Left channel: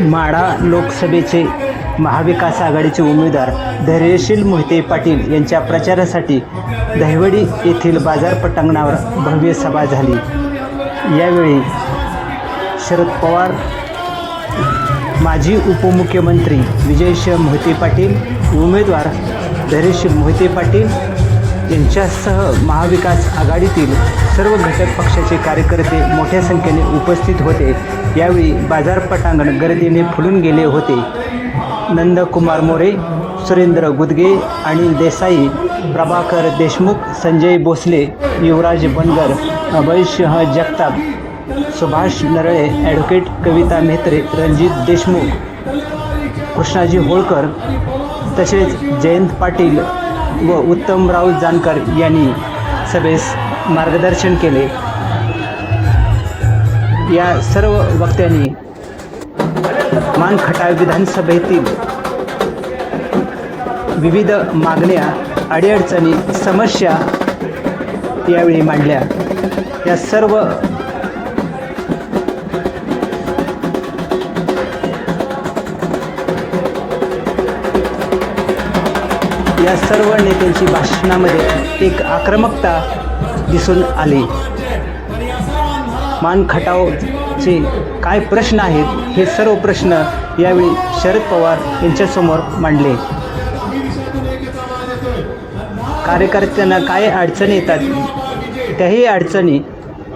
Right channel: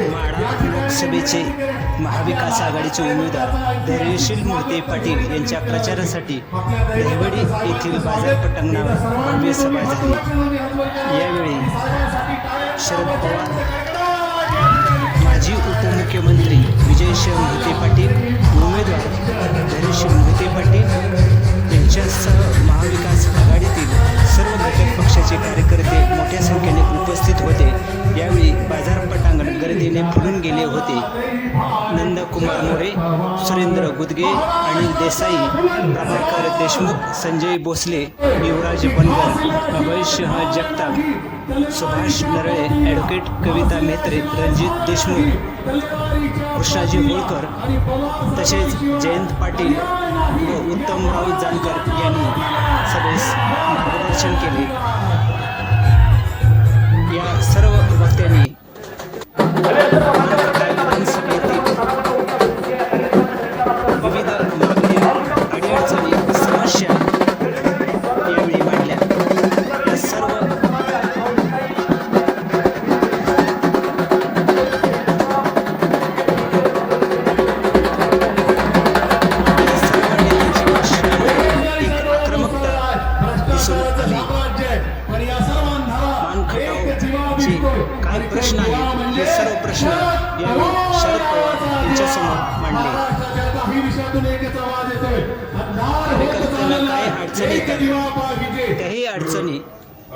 माढा लोकसभेचे महाविकास आघाडीचे उमेदवार धैर्यशील मोहिते पाटील यांच्या प्रचारासाठी दहिवडी येथील बाजार पटांगणावर भव्य सभा झाली. यावेळी शरद पवार माजी उपमुख्यमंत्री विजयशिव मोहिते पाटील उमेदवार धैर्यशील मोहिते पाटील यांच्यासह महाविकास आघाडीतील सर्व घटक पक्षाचे कार्यकर्ते मोठ्या संख्येने उपस्थित होते. यावेळी बाजार पटांगण गर्दीने फुलून गेले होते. नंदकुमार मोरे सुरेंद्र गुदगे अनिल देसाई प्रभाकर देशमुख संजय भोसले युवराज बनगर अभयसिंह जगताप सुभाष नरळे ॲडव्होकेट कविता मेहत्रे रणजित देशमुख कृष्णाजी होळकर तसेच जयंत पाटील व उत्तमराव जानकर यांनी सगळेस मार्गदर्शन केले. या सर्व वक्त्यांनी मानखटा विधानसभेतील विविध मागण्या अडीअडचणी समस्या यावेळी मांडल्या. या सर्व खटावचे काय प्रश्न आहेत हे सर्व प्रश्न यावेळी शरद पवार यांच्यासमोर मांडले. कार्यकर्त्यांना काय अडचणी येतात त्याही अडचणी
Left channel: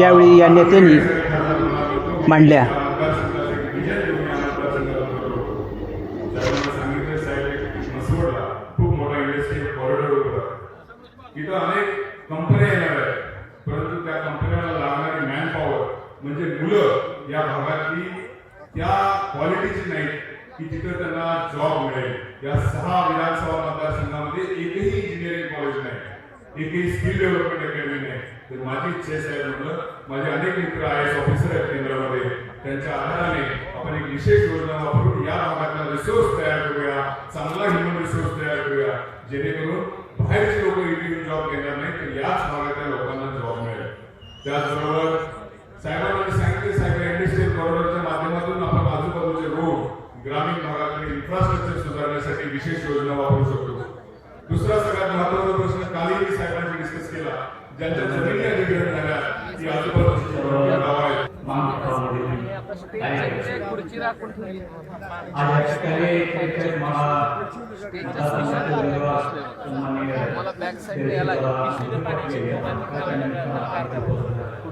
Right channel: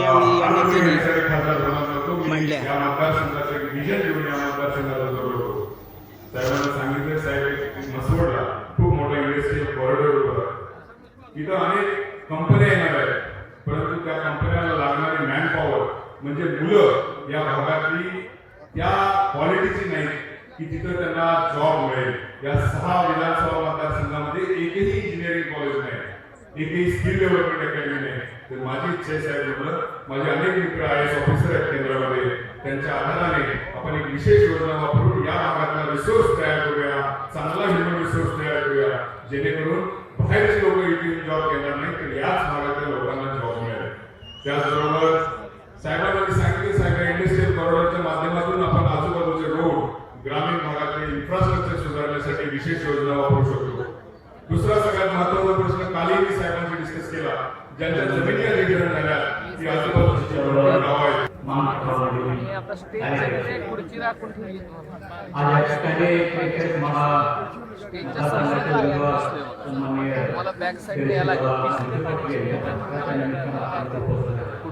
यावेळी या नेत्यांनी मांडल्या. इथं अनेक कंपन्या येणार आहेत. परंतु त्या कंपन्याला लागणारी मॅन पॉवर म्हणजे मुलं या भागातली त्या क्वालिटीची नाही की तिथं त्यांना जॉब मिळेल. या सहा विधानसभा मतदारसंघामध्ये एकही इंजिनिअरिंग कॉलेज नाही. एकही स्किल डेव्हलपमेंट अकॅडमी नाही. तर माझी इच्छा साहेब म्हटलं माझे अनेक मित्र आय एस ऑफिसर आहेत केंद्रामध्ये. त्यांच्या आधाराने आपण एक विशेष योजना वापरून या भागातला रिसोर्स तयार करूया चांगला ह्युमन रिसोर्स तयार करूया. जेणेकरून बाहेरचे लोक इथे जॉब घेणार नाही तर याच भागातल्या लोकांना जॉब मिळेल. त्याचबरोबर साहेबांना कॉरिडॉरच्या माध्यमातून आपण आजूबाजूचे रोड ग्रामीण भागातले इन्फ्रास्ट्रक्चर सुधारण्यासाठी विशेष योजना वापरू शकतो. दुसरा सगळ्यात महत्त्वाचा प्रश्न कालही मी साहेबांशी डिस्कस केला. ज्यांच्या जमिनी अधिग्रहण झाल्या ती आजूबाजूची गावं आहेत. खुर्ची राखून ठेवली मला बॅक साईड यायला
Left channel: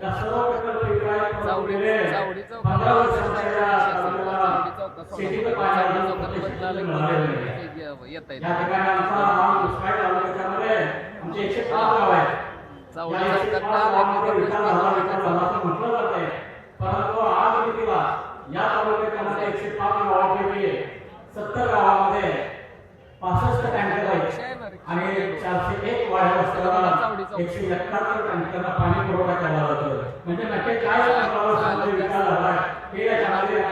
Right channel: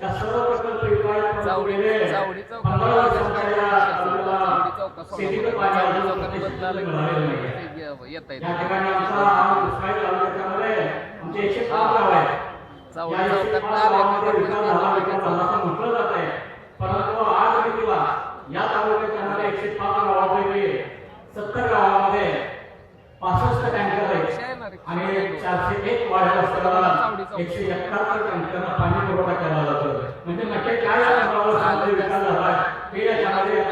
त्या सर्व प्रकल्प चावडी या येता या गाव आहेत चावडी या चौकात या तालुक्यामध्ये एकशे पाच गावापैकी सत्तर आहेत आणि चारशे एक वाढ्या असताना एकशे एकाहत्तर टँकरला पाणी पुरवठा केला जातो म्हणजे नक्की काय विकास झाला. हे याच्यामध्ये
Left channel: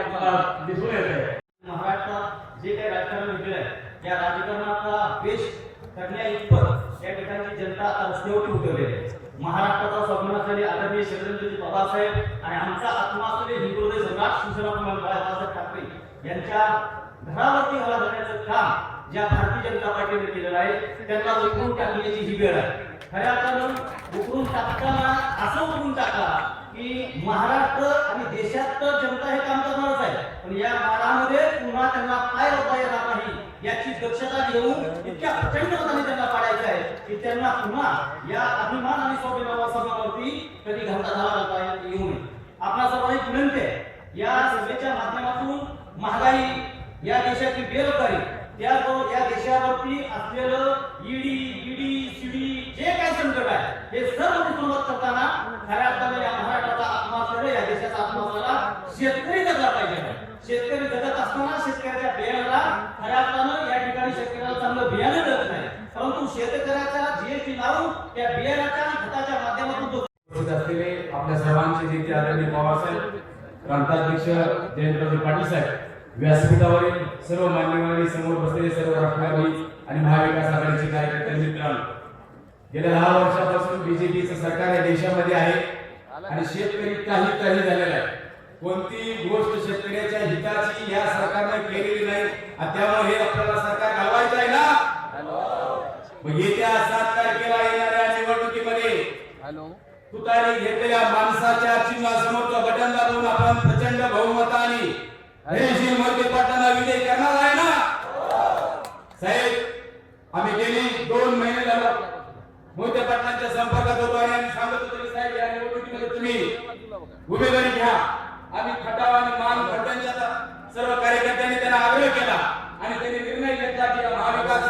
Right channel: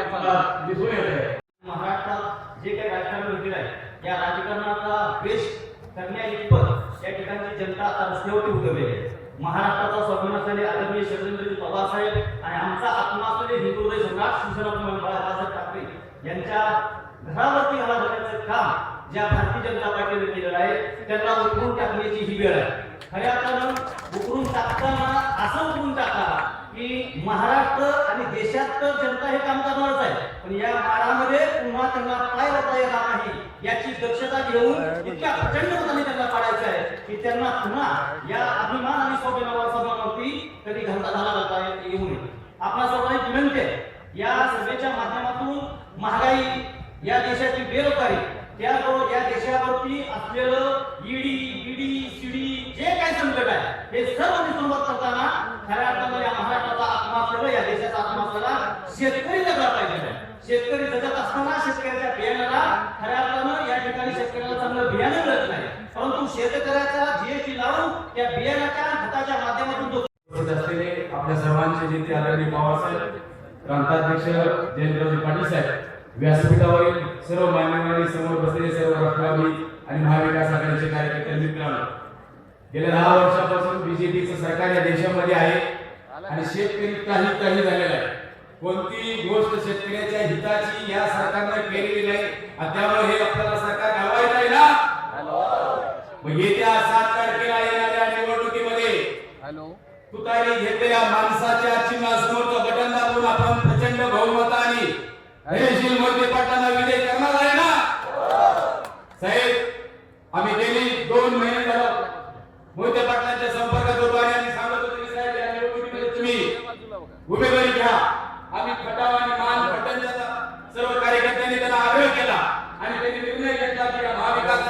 दिसून येत महाराष्ट्रात जे काही राजकारण घडलेलं आहे या राजकारणाचा द्वेष करण्या इतपत या ठिकाणी जनता आता रस्त्यावरती उतरलेली आहे. महाराष्ट्राचा स्वाभिमान असलेले आदरणीय शरदेंद्रजी पवार आणि आमचा आत्मा असलेले हिंदू हृदय सम्राट शिवसेना बाळासाहेब ठाकरे यांच्या घरावरती हवा धरण्याचं काम ज्या भारतीय जनता पार्टीने केलेला आहे त्यांना उकरून टाकण्याची ही वेळ आहे. खऱ्या अर्थानं उकरून टाकताना असं उकरून टाका की महाराष्ट्र आणि देशात तर जनता हे काम करणारच आहे. पण या काळामध्ये पुन्हा त्यांना काय होता येणार नाही. याची दक्षता घेऊन इतक्या प्रचंड मताने त्यांना पाडायचं आहे की त्यांना पुन्हा या अभिमान आणि स्वाभिमानावर सभावरती कधी घालता झाला जाता येऊ नये. आपल्या सर्वांनी विनंती आहे. या सभेच्या माध्यमातून महागाई या देशाची बेरोजगारी त्याचबरोबर या देशावरती असलेलं ईडी ईडी सीडी जे काही संकट आहे हे सर्व निसंवाद करताना खऱ्या अर्थानं या महाराष्ट्राचा आत्मा असलेला या देशाचा आत्मा असलेला शेतकरी जगला पाहिजे. शेतकरी जगत असताना शेतकऱ्याच्या बियाण्याला खऱ्या अर्थानं या ठिकाणी शेतकऱ्याला चांगलं बियाणं मिळत शेतकऱ्याचा जीएसटी लावून त्या बियाणाच्या खताच्या माध्यमातून जो आपल्या सर्वांचे नेते आदरणीय पवारसाहेब प्रांताध्यक्ष जयंतरावजी पाटील साहेब व्यासपीठावरील सर्व मान्यवरांनी समोर बसलेले सर्व राष्ट्रवादी आणि महाविकास आघाडीचे कार्यकर्ते मित्रांनो गेल्या दहा वर्षापासून बीजेपीचं सरकार या देशामध्ये आहे आणि शेतकरी काही काही झालेला आहे. कोणतीही गोष्ट शेतकऱ्याच्या हिताची या सरकारनं केलेली नाही आणि त्यामुळे हे आपल्याला सरकार घालवायचं आहे ना? मग येत्या सात तारखेला येणाऱ्या निवडणुकीमध्ये तुतारी घेतलेल्या माणसाच्या चिन्हासमोरचं बटन दाबून आपण प्रचंड बहुमताने धैर्यशील मोहिते पाटलांना विजय करणार आहे ना? साहेब आम्ही गेली दोन महिने झालं मोहिते पाटलांच्या संपर्कात होतो आणि आम्ही सांगत होतो की साहेब या निवडणुकीमध्ये तुम्ही उमेदवारी घ्या. आम्ही खटाव आणि मान खटांच्या सर्व कार्यकर्त्यांनी त्यांना आग्रह केला आणि त्यांनी निर्णय घेतला की महाविकास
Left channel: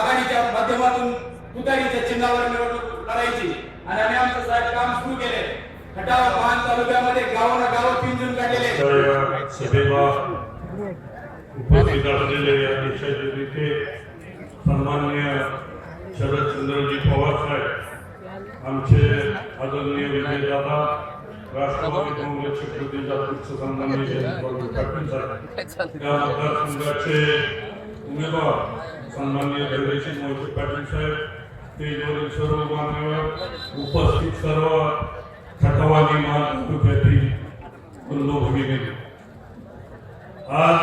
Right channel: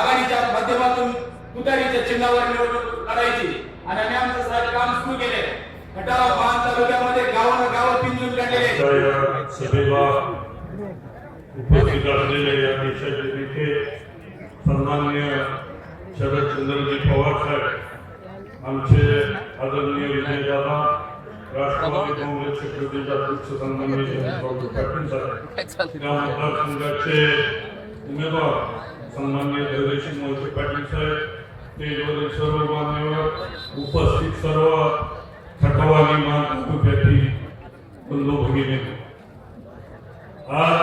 आघाडीच्या माध्यमातून तुतारीच्या चिन्हावर निवडणूक लढायची. आणि आम्ही आमचं साहेब काम सुरू केले खटाव मान तालुक्यामध्ये गावाला गाव सभेला उपस्थित असलेले या देशाचे नेते सन्माननीय शरदचंद्रजी पवार साहेब आमचे आदरणीय विजयदादा राष्ट्रवादी काँग्रेसचे प्रदेश अध्यक्ष सन्माननीय जयंतराव पाटील साहेब मतदारसंघाचे उमेदवार सन्माननीय धैर्यशील मोहिते पाटील साहेब स्टेजवरील सर्व मान्यवर उपस्थित सर्व खटवादी मान तालुक्यातील बंधू भगिनी आज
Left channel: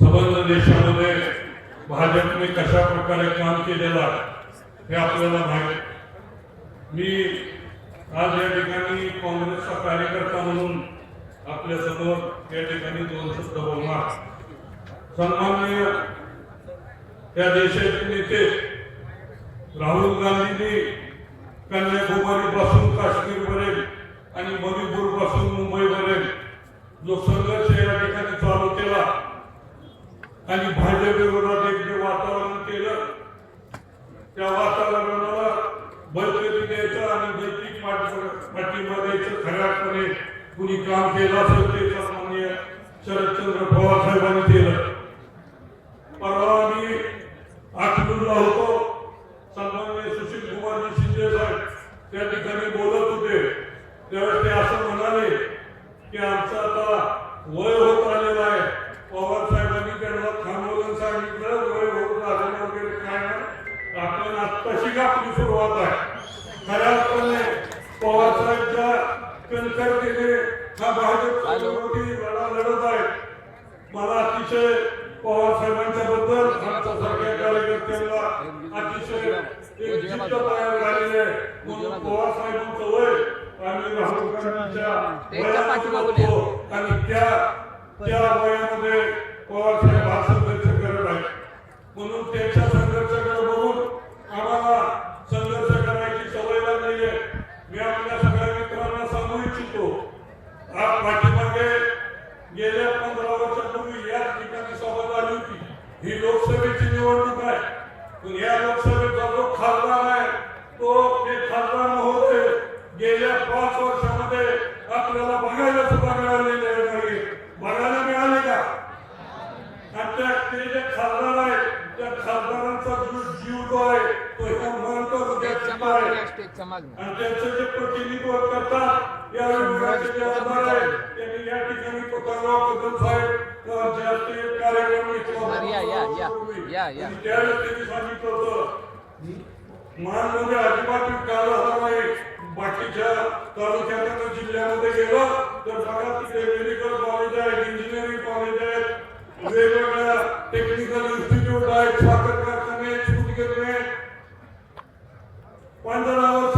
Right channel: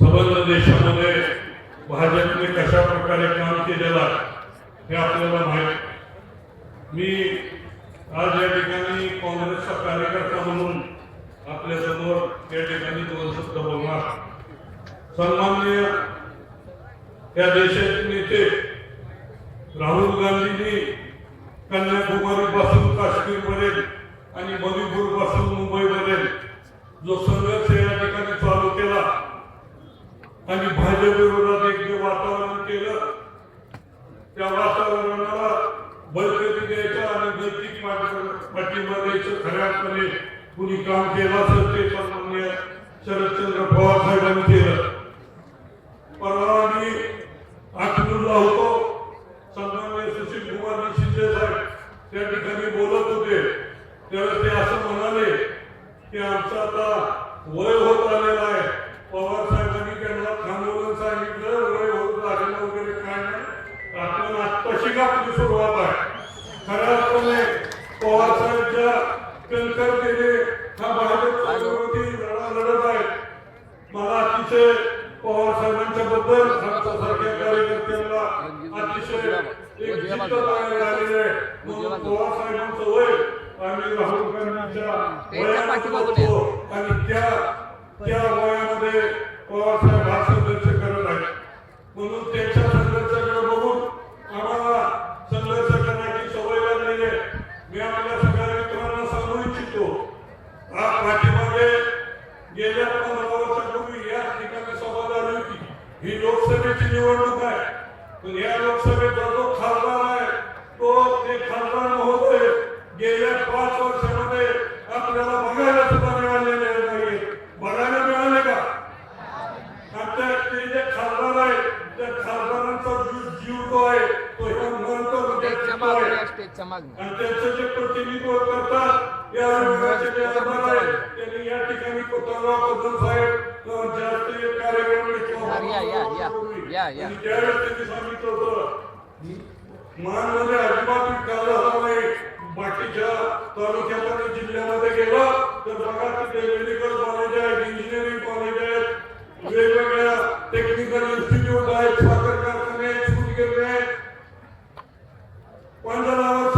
समग्र देशामध्ये भाजपने कशा प्रकारे काम केलेलं आहे हे आपल्याला माहीत मी आज या ठिकाणी काँग्रेसचा कार्यकर्ता म्हणून आपल्यासमोर या ठिकाणी दोन शब्द बोलणार. सन्मान्य त्या देशाचे नेते राहुल गांधीजी कन्याकुमारी पासून काश्मीर आणि मणिपूरपासून मुंबई जो संघर्ष या ठिकाणी चालू केला आणि भाजप विरोधात एक जे वातावरण केलं त्या वातावरणाला बळकटी द्यायचं आणि नैतिक पाठिंबा द्यायचं खऱ्या अर्थाने कुणी काम केलं असेल ते सन्मान्य शरदचंद्र पवार साहेबांनी केलं. कणखरतेने हा भाजपचा विरोधी लढा लढत आहे मला अतिशय पवार साहेबांच्या बद्दल आमच्यासारख्या कार्यकर्त्यांना अतिशय एक चित्त तयार झालेलं आहे. म्हणून पवार साहेबांचं वय आम्ही राहुल गांधींच्या त्यांच्या पाठीमागून वयात होतो आणि त्या त्या वयामध्ये पवार साहेब हा संघर्ष करत आहेत. म्हणून त्यांच्या संघर्षाकडे बघून आम्हाला पाठीमागे गेल्या पंधरा वर्षापूर्वी या ठिकाणी सभा झाली होती. ही लोकसभेची निवडणूक आहे. पण या लोकसभेचा जो खासदार आहे तो ते खासदार महोदय गेल्या पाच वर्षामध्ये आपल्याला बघायला सुद्धा मिळालेले नाही बघायला मिळाले का? आणि त्या ते जे खासदार आहेत त्या खासदारांचा जो जीव जो आहे तो स्टेजच्या मागणी आणि त्यांचं जे प्रतिनिधित्व करतात या विभागाचे जे आमदार आहेत त्यांनी या ठिकाणी कोतरगाव कदम साहेब जास्त कार्यक्रम घेतला अरे या, या, या, या, या. आणि त्यावेळेस त्यांनी सांगितलं होतं मानमध्ये अजिबात विकायला हवं नाही. बाकीच्या तालुक्यामध्ये जिल्ह्यामध्ये गेलं तर बघा तिथे मेडिकल कॉलेज आहेत इंजिनिअरिंग कॉलेज आहेत वेगवेगळ्या टेक्निकल इन्स्टिट्यूट आहेत साखर कारखाने आहेत सूतगिरणी आहेत. पंधरा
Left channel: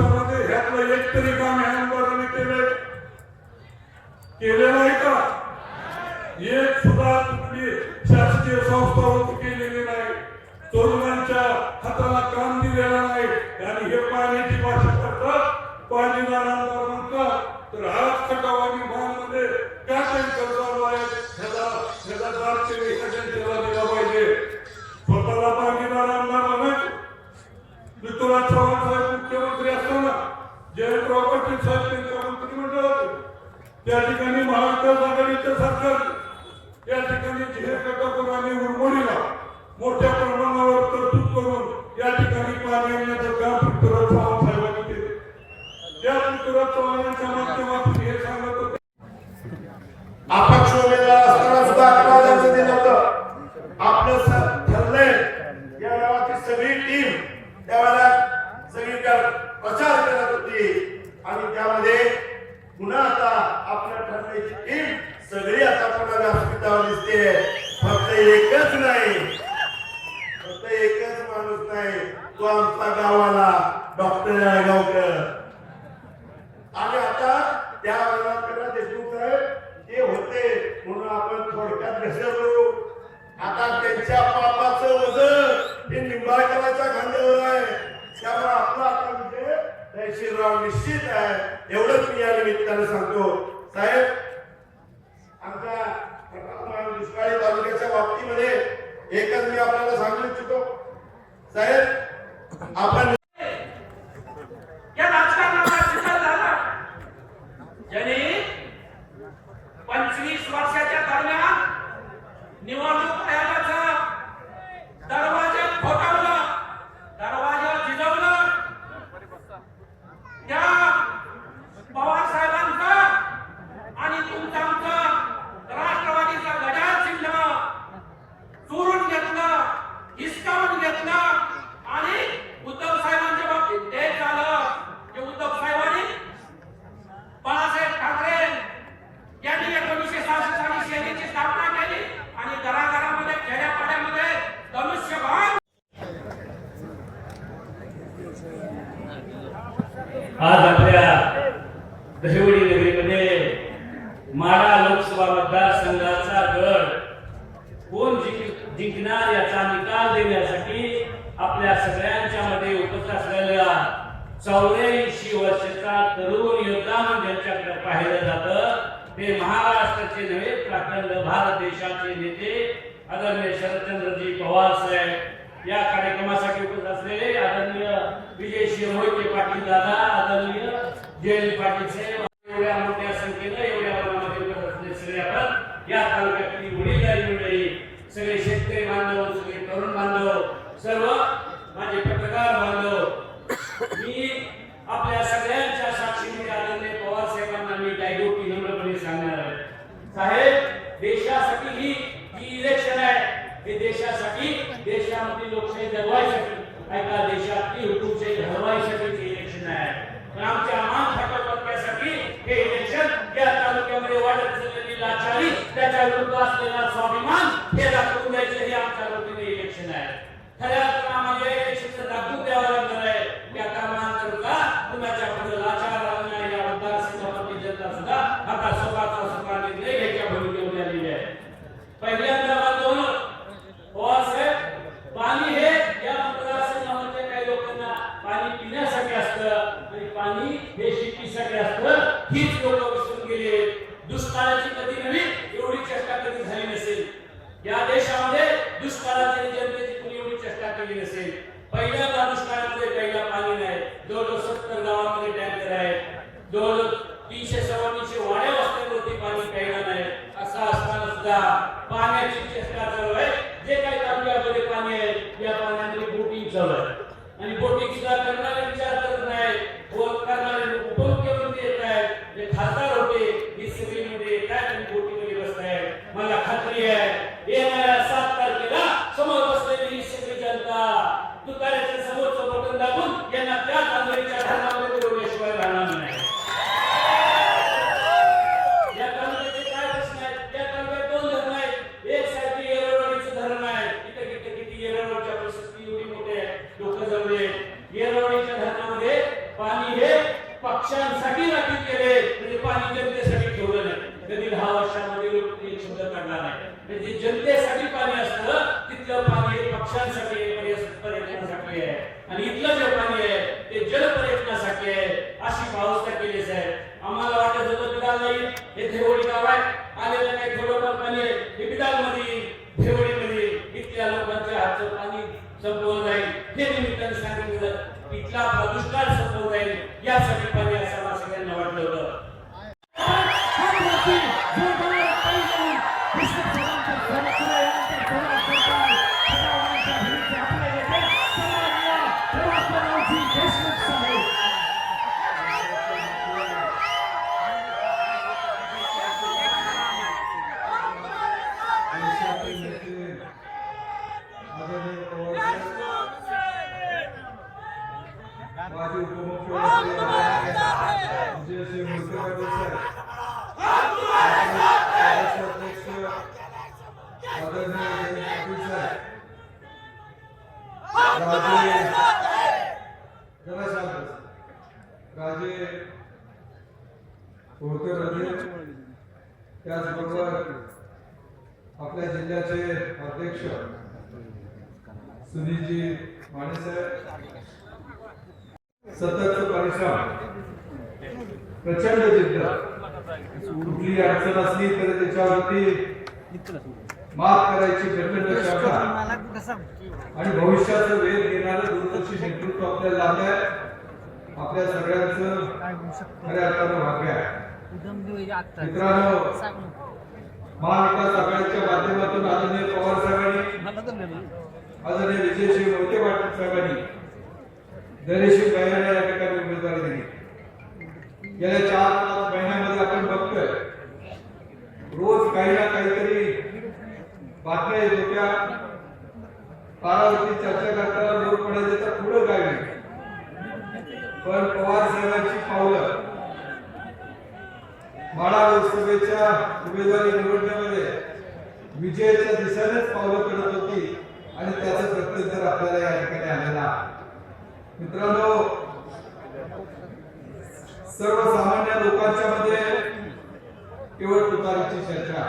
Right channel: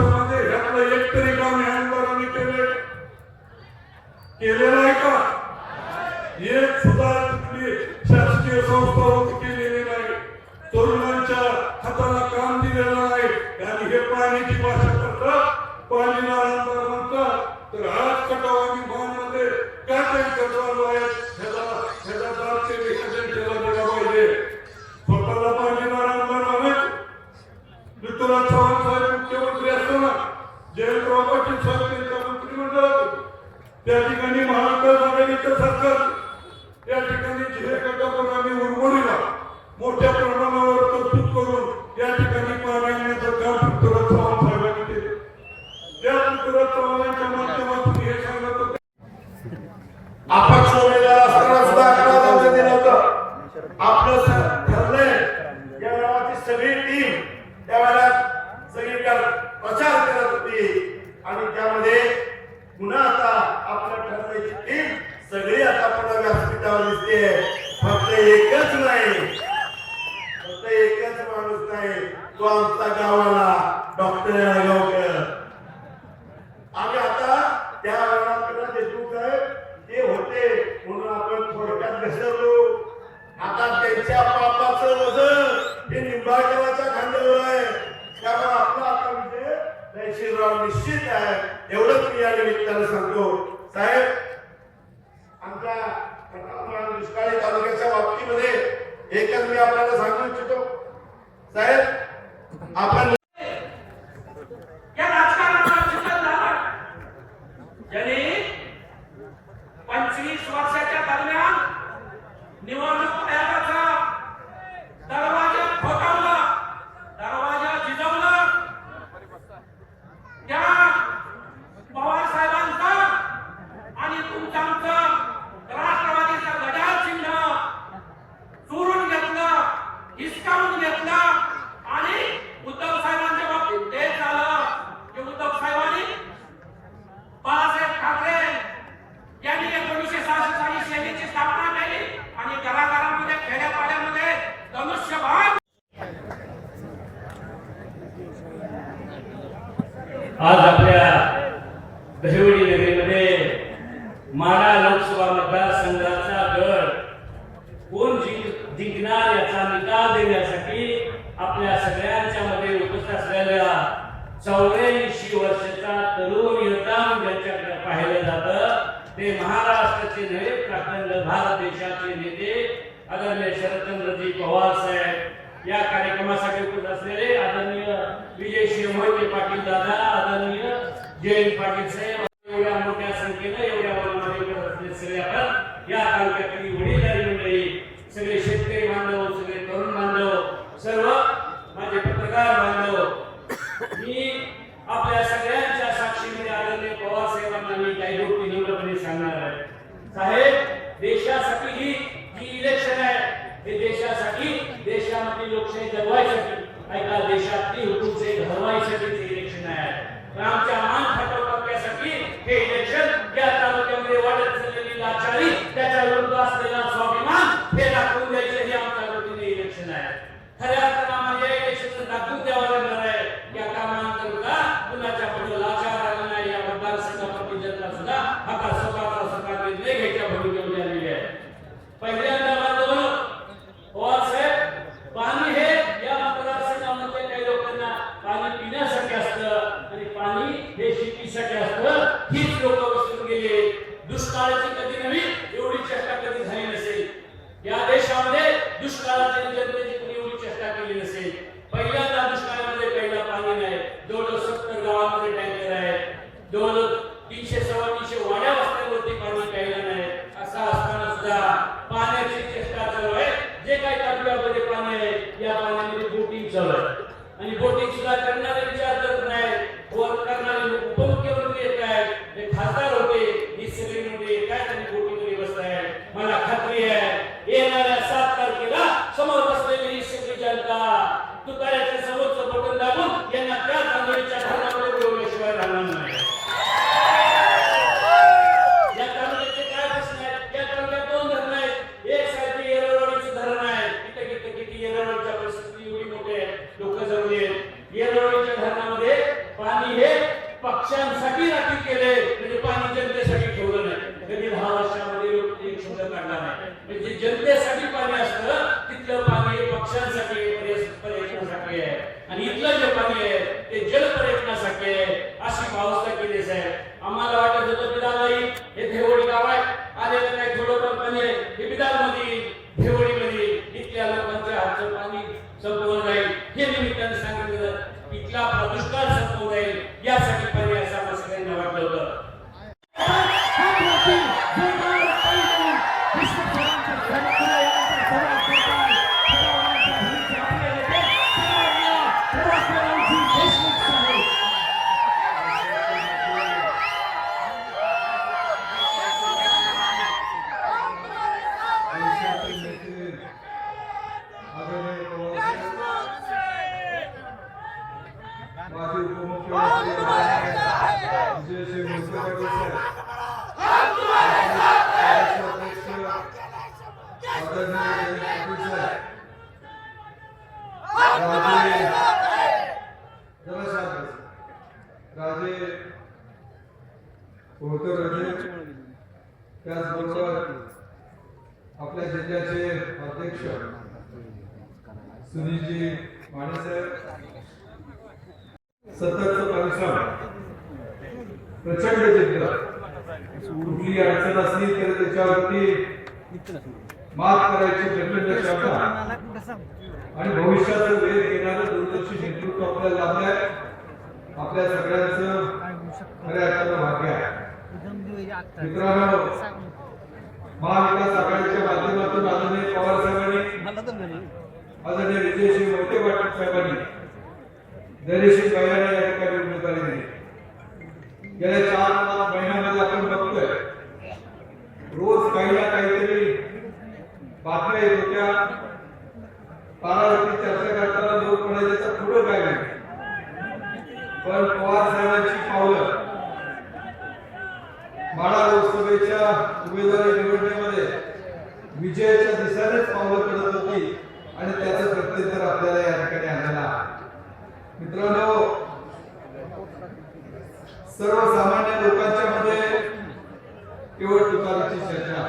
केलेलं नाही का? एक सुद्धा कुठली शासकीय संस्था त्यामध्ये पुन्हा आता आपल्या ठरलेली टीम सगळी आता पुन्हा व्यासपीठावर दिसते. फक्त एकच नाही. फक्त एकच माणूस नाही. तो आमचा गावाला डॉक्टर नायगावकर आणि आता त्या वेळेला देशमुख ते होते म्हणून आपण थोडक्यात घसरलो. आता त्यांच्या पापाचं वजन हे निंबाळकराच्या खांद्यावर आहे. त्यामुळे आपला आता विजय तहसीलराव निश्चित आहे एवढंच मी या निमित्तानं सांगतो. साहेब आमचा महाराष्ट्राचे नव्हे प्राखंड भारत देशाचे नेते आदरणीय शरदचंद्रजी पवार साहेब. या कार्यक्रमासाठी उपस्थित असलेले आदरणीय विजयश्री मोहिते पाटील दादा आदरणीय जयंत पाटील साहेब. जगवायसाठी ऐका देशात ती हुकूमशाही घडवायसाठी हे इलेक्शन आहे तर आमच्या मान फाटव करण्यासाठी हे इलेक्शन या तालुक्यामध्ये वाढत असलेली लाचारी त्याच्या विरुद्ध असलेला स्वाभिमान हे दाखवून द्यायचं हे आमच्या इलेक्शन आहे. खऱ्या अर्थानं म्हणजे इलेक्शन दाखवून द्यावं हीच लोक विसरून गेले दुष्काळाची कधी नवीन अशी भावस्था केली साहेब. आम्हाला वाटत होतं बिदाल हे थेवडी गाव आहे आलेलं नाही थोडं पण पण हे बिदाल मध्ये थेवडी मध्ये इथल्या लोकांचे हातचं पाणी संपवून जाईल. हे निमित्ताने सांगितलं इथला दुष्काळ संपवून जाईल यासाठी पर्याय समाज सगळ्यांना वाटलं होतं. राजे होते राजे त्याचबरोबर आपल्या जिल्ह्याचे अध्यक्ष सुनीलजी मानेसाहेब सतत परिश्रम प्रचंड जिद्द. कुठली अडचण असली तरी त्याच्यावरती मात करायची प्रचंड क्षमता. आणि भविष्याचं वेध घेणारं दूरदर्शी नेतृत्व आपल्याला लाभलंय आपल्या सगळ्यांचं खऱ्या अर्थानं भाग्य आहे. मित्रांनो महाविकास आघाडीच्या माध्यमातून आदरणीय पवार साहेबांनी आदरणीय विजयश्री मोठे पाटील साहेबांनी दरेशी महिलांना या ठिकाणी उमेदवारी दिली. गेल्या चार पाच महिन्यामध्ये आपण बघतोय रोज काही ना काहीतरी बातम्या येत होत्या. पारावरती चर्चा करताना लोक म्हणायचे तर पुढं काय नाही पण पवार साहेबांची पावलं माळा लोकसभेच्या उमेदवारी निवडणुकीमध्ये विजयाच्या दिशेनेच पावलं करत होती आणि त्याचं प्रत्युत्तर आपल्याला या ठिकाणी आलेलं आहे. मित्रांनो सर्वसामान्य लोकांच्या मध्ये केवळ तुकारीची चर्चा.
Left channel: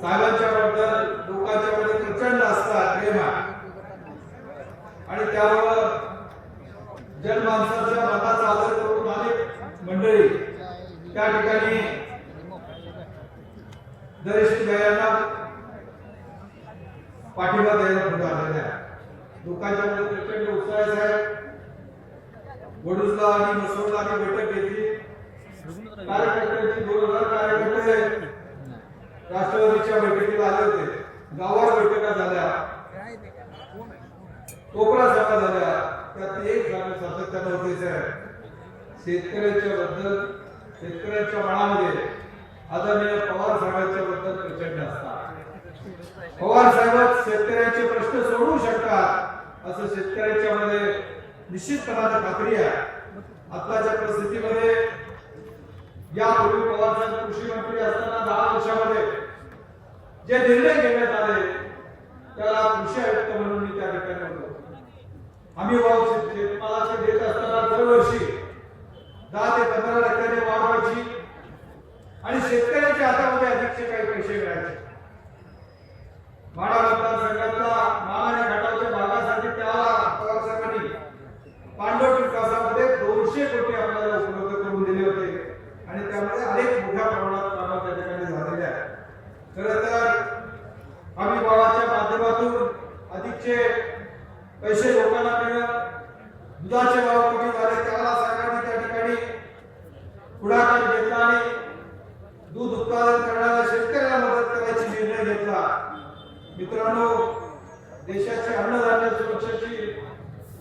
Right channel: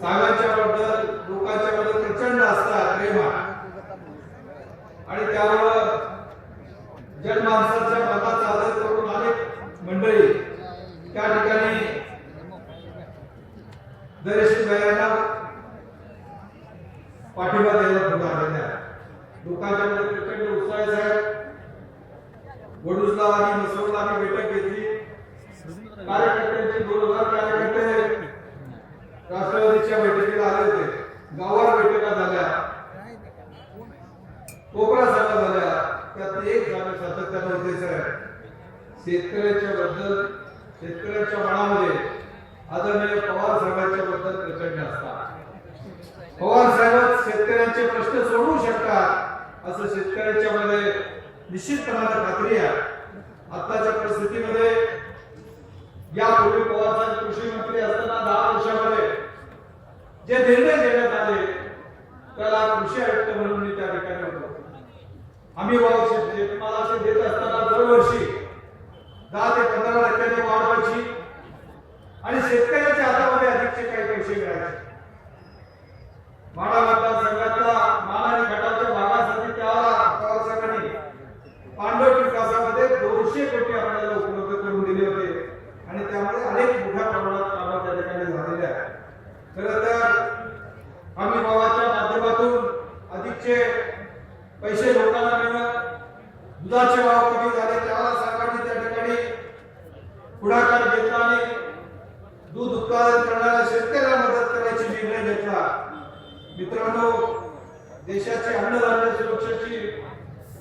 सागांच्या बद्दल लोकांच्या मध्ये प्रचंड असता प्रेम आणि त्यावर जनमानसाच्या मनाचा आदर करून अनेक मंडळी त्या ठिकाणी दरेशील गायांना पाठिंबा द्यायला पुढे आलेल्या आहेत. लोकांच्या मध्ये प्रचंड उत्साह आहे. साहेब वडूजला आणि मसवला आम्ही बैठक घेतली. कार्यकर्त्यांची दोन हजार कार्यकर्ते राष्ट्रवादीच्या बैठकीला आले होते. गावात बैठका झाल्या. कोपरा सभा झाल्या. त्यात एक जागा सातत्यानं होते साहेब. शेतकऱ्याच्या बद्दल शेतकऱ्यांच्या मनामध्ये आदरणीय पवार साहेबांच्या बद्दल प्रचंड असतात. पवार साहेब शेतकऱ्यांचे प्रश्न सोडवू शकतात असं शेतकऱ्यांच्या मध्ये निश्चितपणाने खात्री आहे. आताच्या परिस्थितीमध्ये यापूर्वी पवार साहेब कृषी मंत्री असताना दहा वर्षामध्ये जे निर्णय घेण्यात आले त्याला कृषी आयुक्त म्हणून मी त्या ठिकाणी होतो. आम्ही भाऊ शेतमालाचे देत असताना दरवर्षी दहा ते पंधरा टक्क्याने वाढवायची आणि शेतकऱ्याच्या हातामध्ये अधिकचे काही पैसे मिळायचे. माडा मतदारसंघातला मान आणि खटावच्या भागासाठी त्याला पवार साहेबांनी पांडव विकासामध्ये दोनशे कोटी आपल्याला उपलब्ध करून दिले होते आणि त्यामध्ये अनेक मोठ्या प्रमाणात कामं त्या ठिकाणी झालेले आहेत खरं तर आम्ही भावाच्या माध्यमातून अधिकचे पैसे लोकांना मिळत दुधाचे भाव कमी झाले त्याला सरकारने त्या ठिकाणी पुढाकार घेतला आणि दूध उत्पादन करणाऱ्या शेतकऱ्याला मदत करायची निर्णय घेतला मित्रांनो देशाची अन्नधान्य सुरक्षेची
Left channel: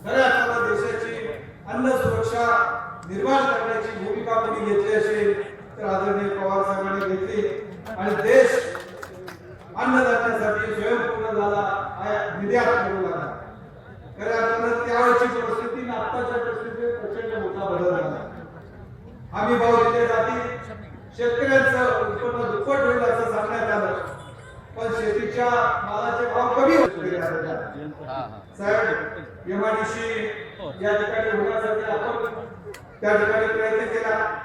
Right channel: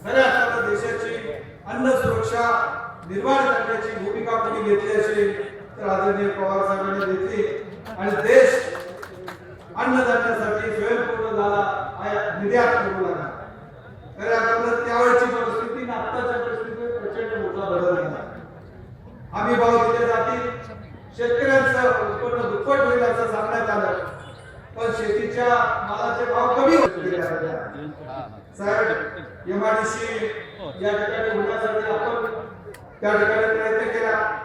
खऱ्या अर्थानं देशाची अन्न सुरक्षा करण्याची भूमिका कोणी घेतली असेल तर आदरणीय पवार साहेबांनी घेतली. आणि देश अन्नधान्यासाठी स्वयंपूर्ण झाला निर्यात करू लागला खऱ्या अर्थानं त्यावेळची परिस्थिती आत्ताच्या परिस्थितीत प्रचंड मोठा बदल झाला. आम्ही भाव दिले जाती शेतकऱ्यांचं उत्पन्न दुप्पट होईल असं सांगण्यात आलं. पण शेतीच्या मालाचे भाव कमी होत गेले. साहेब एमआयडीसी या ठिकाणी होण्यासाठी आपण त्या ठिकाणी प्रयत्न केला.